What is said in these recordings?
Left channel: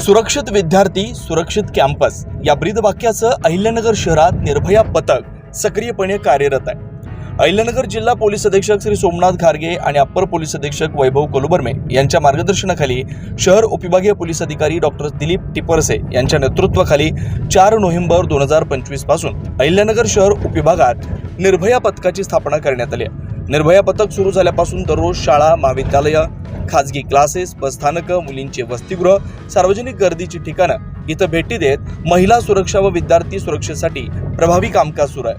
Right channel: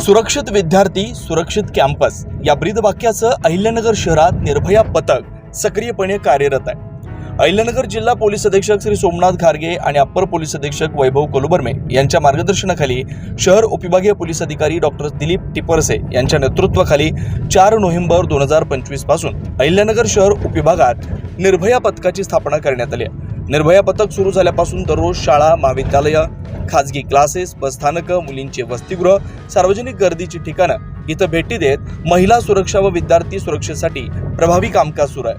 सुरक्षित विद्यार्थी सुरक्षित कॅम्पस या ब्रीदवाक्याचं अहिल्यानगर शहरात निर्भया पथक सक्रियपणे कार्यरत आहे. अहिल्यानगर जिल्हा पोलीस अधीक्षक श्री सोमनाथ घारगे आणि अप्पर पोलीस अधीक्षक वैभव कोलुबर्मे यांच्या मार्गदर्शनाखाली शहर उपविभागीय पोलीस अधिकारी डॉक्टर दिलीप टिपरसे यांच्या नेतृत्वाखाली चार नोव्हेंबर दोन हजार पंचवीसपासून अहिल्यानगर शहर उपविभागात निर्भया पथकाची स्थापना करण्यात आली आहे. निर्भया पथक सुरू झाल्यापासून दररोज शाळा महाविद्यालयं खाजगी क्लासेस बसस्थानकं मुलींचे वसतिगृह सार्वजनिक गर्दीची ठिकाणं इथं भेटी देत महिला सुरक्षा व विद्यार्थी सुरक्षेसाठी प्रभावी कामकाज सुरू आहे.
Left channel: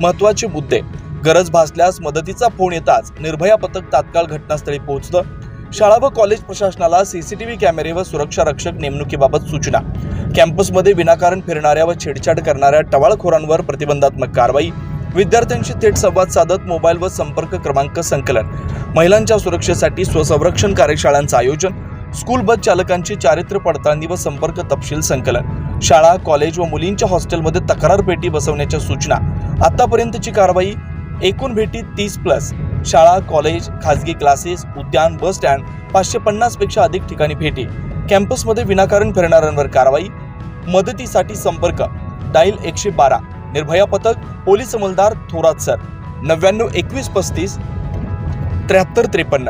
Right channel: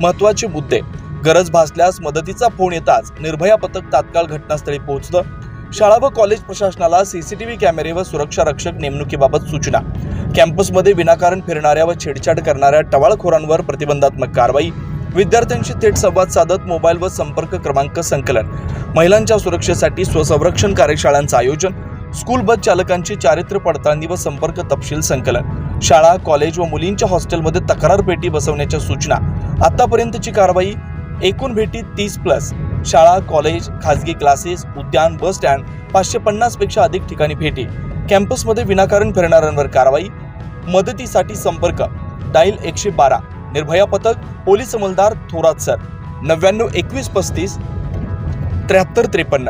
महत्त्वाचे मुद्दे. गरज भासल्यास मदतीचा फोन येताच निर्भया पथक तात्काळ घटनास्थळी पोहोचतं. शाळा व कॉलेज प्रशासनाला सीसीटीव्ही कॅमेरे व सुरक्षा रक्षक नेमणुकीबाबत सूचना. कॅम्पसमध्ये विनाकारण फिरणाऱ्या व छेडछाड करणाऱ्या टवाळखोरांवर प्रतिबंधात्मक कारवाई. विद्यार्थ्यांशी थेट संवाद साधत मोबाईल व संपर्क क्रमांक संकलन. महिलांच्या सुरक्षेसाठी स्वसंरक्षण कार्यशाळांचं आयोजन. स्कूल बस चालकांची चारित्र्य पडताळणी व संपर्क तपशील संकलन. शाळा कॉलेज व मुलींच्या हॉस्टेलमध्ये तक्रार पेटी बसवण्याच्या सूचना. आतापर्यंतची कारवाई एकूण भेटी तीस प्लस. शाळा कॉलेज खाजगी क्लासेस उद्यान बस स्टँड पाचशे पन्नासपेक्षा अधिक ठिकाणी भेटी. कॅम्पसमध्ये विनाकारण फिरणाऱ्यांवर कारवाई. मदतीसाठी संपर्क. डाईल एकशे बारा. निर्भया पथक पोलीस अंमलदार थोरात सर. नव्याण्णव एकवीस पस्तीस त्र्याहत्तर त्रेपन्न.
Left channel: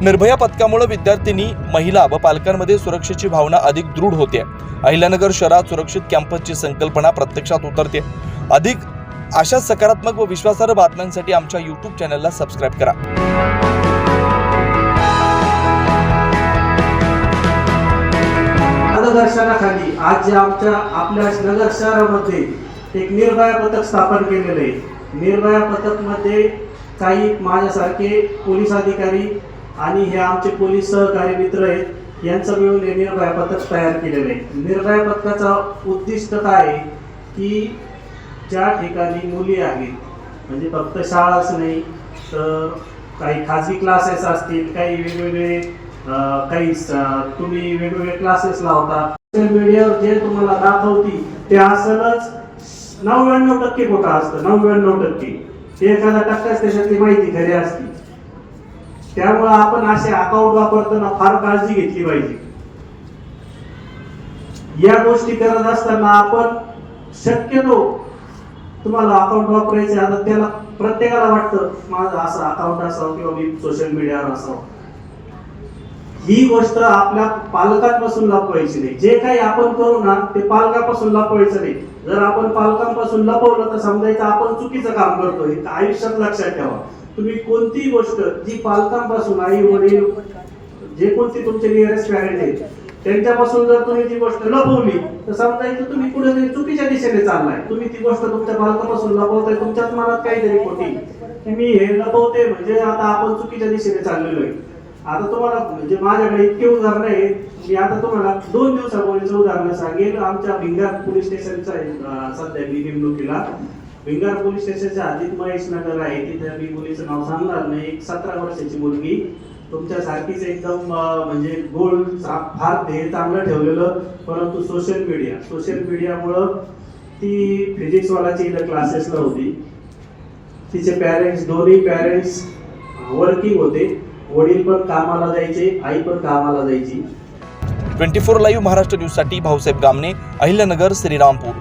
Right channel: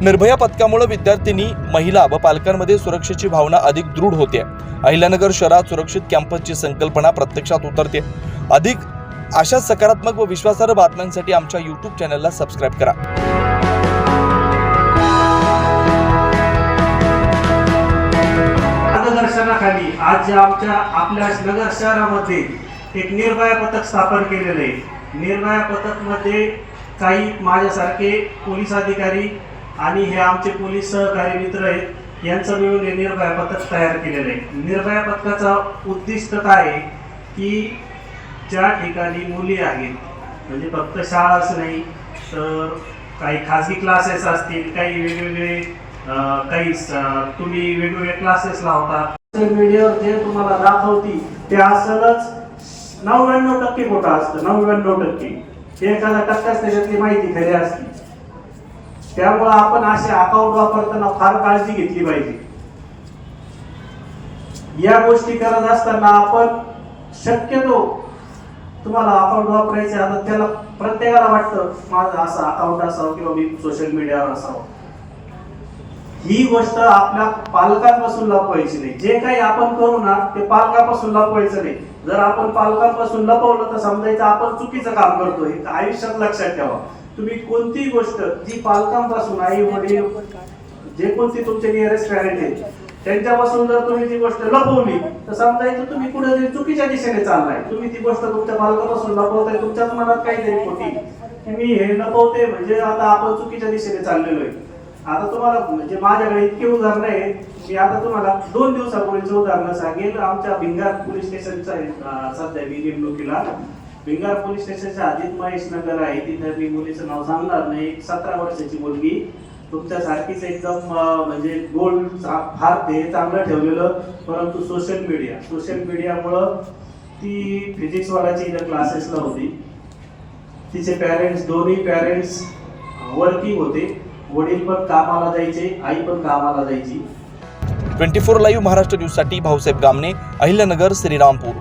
निर्भया पथकामुळे विद्यार्थिनी महिला व पालकांमध्ये सुरक्षेची भावना अधिक दृढ होते. अहिल्यानगर शहरात सुरक्षित कॅम्पसची संकल्पना प्रत्यक्षात उतरते. अधिक अशा सकारात्मक व विश्वासार्ह बातम्यांसाठी आमच्या यूट्यूब चॅनलला सबस्क्राईब करा. आज जे आमच्या आपल्या नगर शहरामध्ये एक निर्भया पथक स्थापन केलेलं आहे. निर्भया पथकमध्ये काही माझ्यासारखे पोलीस अधिकारी आणि हे आमचे पोलीस सहकारी मित्र आहेत यांचं मिळून हे निर्भया पथक तयार केलेलं आहे. निर्भया पथकाचा उद्दिष्ट काय आहे? की ज्या ठिकाणी मुली आहेत म्हणजे फक्त शाळाच नाही तर काही खाजगी क्लासेस असतील काही वेगवेगळे काही तुम्ही वेगवेगळे क्लासेस लावता. सोशल मीडियावर जे तुम्हाला दाखवती ते असलच नव्याण्णव टक्के खोटा असतं नव्याण्णव टक्के. एखादा टक्काच त्याच्यातली माहिती खरी असते. त्यामुळे आपण असे अकाउंट वापरताना फार काळजी घेतली पाहिजे. या गोष्टी करत असताना आपण शक्यतो तुम्हाला अकाउंट वापरायचे आता त्याला प्रत्येकाला वाटतं माझं असं अकाउंट असावं किंवा मी सोशल मीडियावर असावं. ही गोष्ट आपल्या पालकांपासून लपवायची नाही. जे काही आपण करू ना ते पालकापासून लपवायचं नाही. जर आपण पालकांपासून लपवलं तर समजायचं आपण चुकीचं काम करतोय. हे आयुष्यात लक्षात ठेवा. तुम्ही कोणतीही गोष्ट जी पालकांपासून आई वडील जे कोणती तुमचे नियरेस्ट पॅरेंट आहेत त्यांच्यापासून जर तुम्ही ती गोष्ट लपवली तर समजायचं तुम्ही कुठेतरी चुकीच्या दिशेने चाललाय. तुम्ही ती गोष्ट तुमच्या पालकापासून लपवताय तुमच्याच मनात काहीतरी खोटी. मी हे लपवते म्हणजे आता आपण चुकीच्या दिशेने चाललेलो आहे. आता तुम्हाला म्हणजे माझ्याकडे इतके उदाहरण आहेत मी आता तुम्हाला दोन दिवसापूर्वीचं उदाहरण सांगेल आमच्या भिंगार पोलीस स्टेशनचा सध्या मी नेमणुकीला. भिंगार पोलीस स्टेशनच्या आधीत महेश नगर आहे तिथे मी मुलीचं नाव सांगणार नाही. एक सतरा वर्षाची मुलगी. तुमच्या सारखीच एकदम म्हणजे गोल फार ते चांगलं ठेवलेलं परंतु सोशल मीडिया सोशल मीडियामुळं ती फिजिक्सवाल्याची इथं इथं क्लासेसला होती तिचे पॅरेंट्स दोन्ही पॅरेंट्स वर्किंग होते. वडील पण कामाला जायचे आई पण कामाला जायची. ट्वेंटी फोर लाईव्ह महाराष्ट्र न्यूजसाठी भाऊसाहेब गामणे अहिल्यानगर श्रीरामपूर.